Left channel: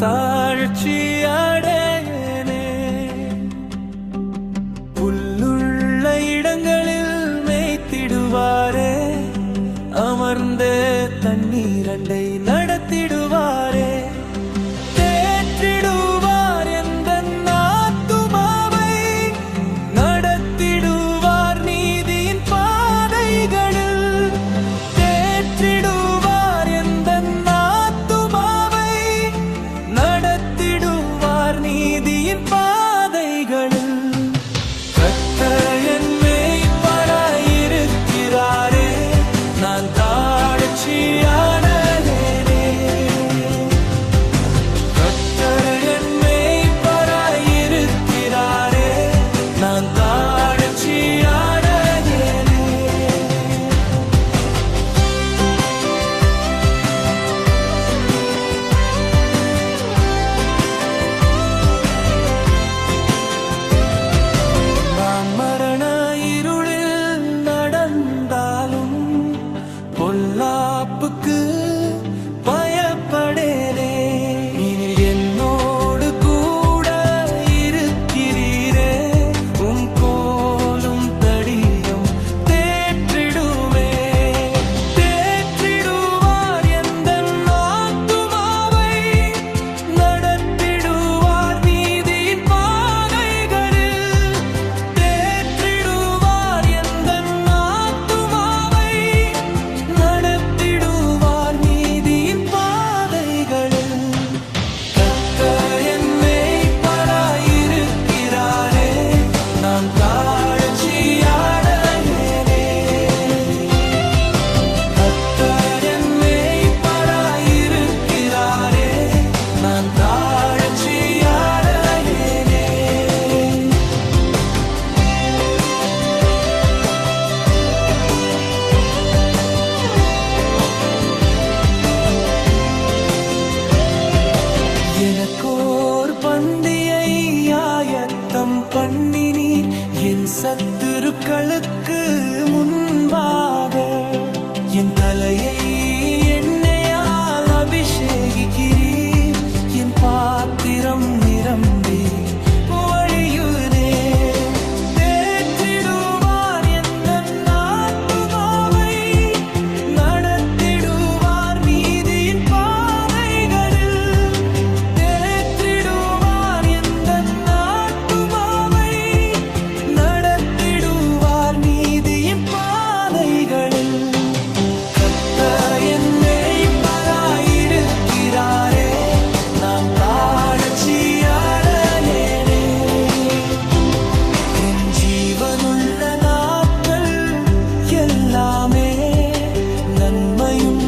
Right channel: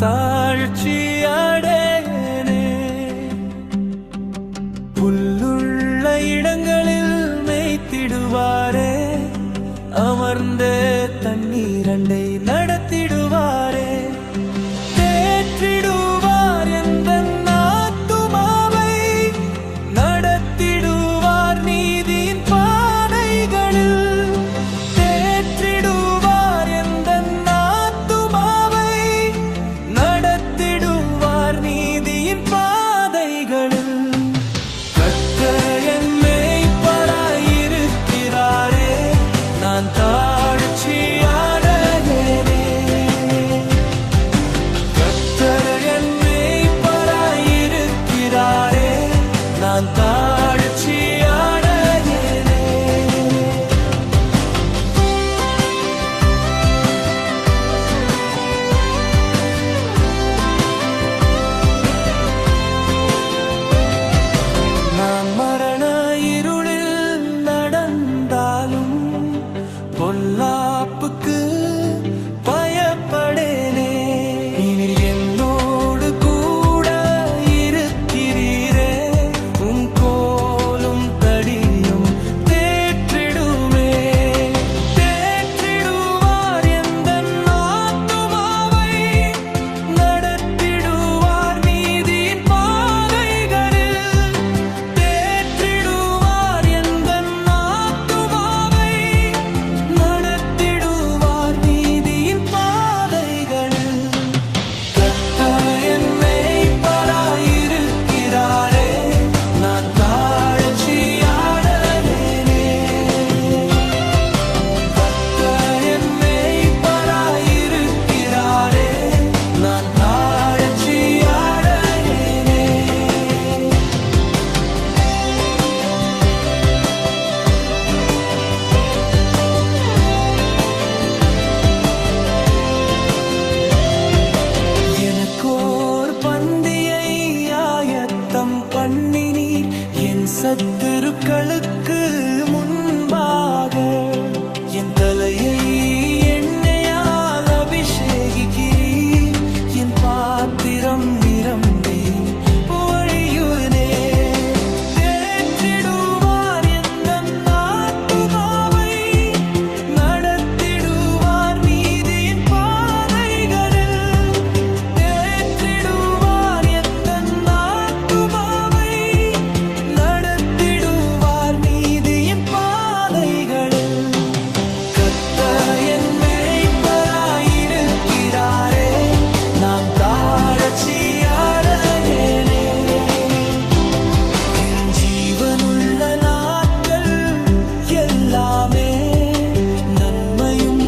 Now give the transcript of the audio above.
தாழ்ச்சி அடையேனே. புல்லுள்ள இடங்களில் மேய்த்திடுவாரே, அமர்ந்த தண்ணீரண்டை நடத்திடுவாரே. தேற்றிடுவார் எந்த ஆத்துமாவை, நடத்திடுவார் நீதியின் பாதைகளில். தேற்றிடுவார் எந்த ஆத்துமாவை, நடத்திடுவார் நீதியின் பாதைகளில். கர்த்தர் என் மேய்ப்பராயிருக்கிறாரே, நான் தாழ்ச்சி அடையேனே. கர்த்தர் என் மேய்ப்பராயிருக்கிறாரே, நான் தாழ்ச்சி அடையேனே. நான் மரண இருளில் நடந்தாலும் பொல்லாப்புக்கு பயப்படேனே. நீர் என்னோடு கூட இருக்கிறீரே, உம் கோலும் தடியும் தேற்றிடுமே. தேற்றிடுவார் எந்த ஆத்துமாவை, நடத்திடுவார் நீதியின் பாதைகளில். தேற்றிடுவார் எந்த ஆத்துமாவை, நடத்திடுவார் நீதியின் பாதைகளில். கர்த்தர் என் மேய்ப்பராயிருக்கிறாரே, நான் தாழ்ச்சி அடையேனே. கர்த்தர் என் மேய்ப்பராயிருக்கிறாரே, நான் தாழ்ச்சி அடையேனே. எனக்கோர் பந்தியை ஆயத்தம் பண்ணினீர், என் சத்துருக்களுக்கு முன்பாக. என் தலையை எண்ணெயால் அபிஷேகிக்கிறீர், என் பாத்திரம் நிரம்பி வழியுனே. தேற்றிடுவார் எந்த ஆத்துமாவை, நடத்திடுவார் நீதியின் பாதைகளில். தேற்றிடுவார் எந்த ஆத்துமாவை, நடத்திடுவார் நீதியின் பாதைகளில். கர்த்தர் என் மேய்ப்பராயிருக்கிறாரே, நான் தாழ்ச்சி அடையேனே. என் ஜீவனுள்ள நாட்கள் எல்லாமே நன்மையும்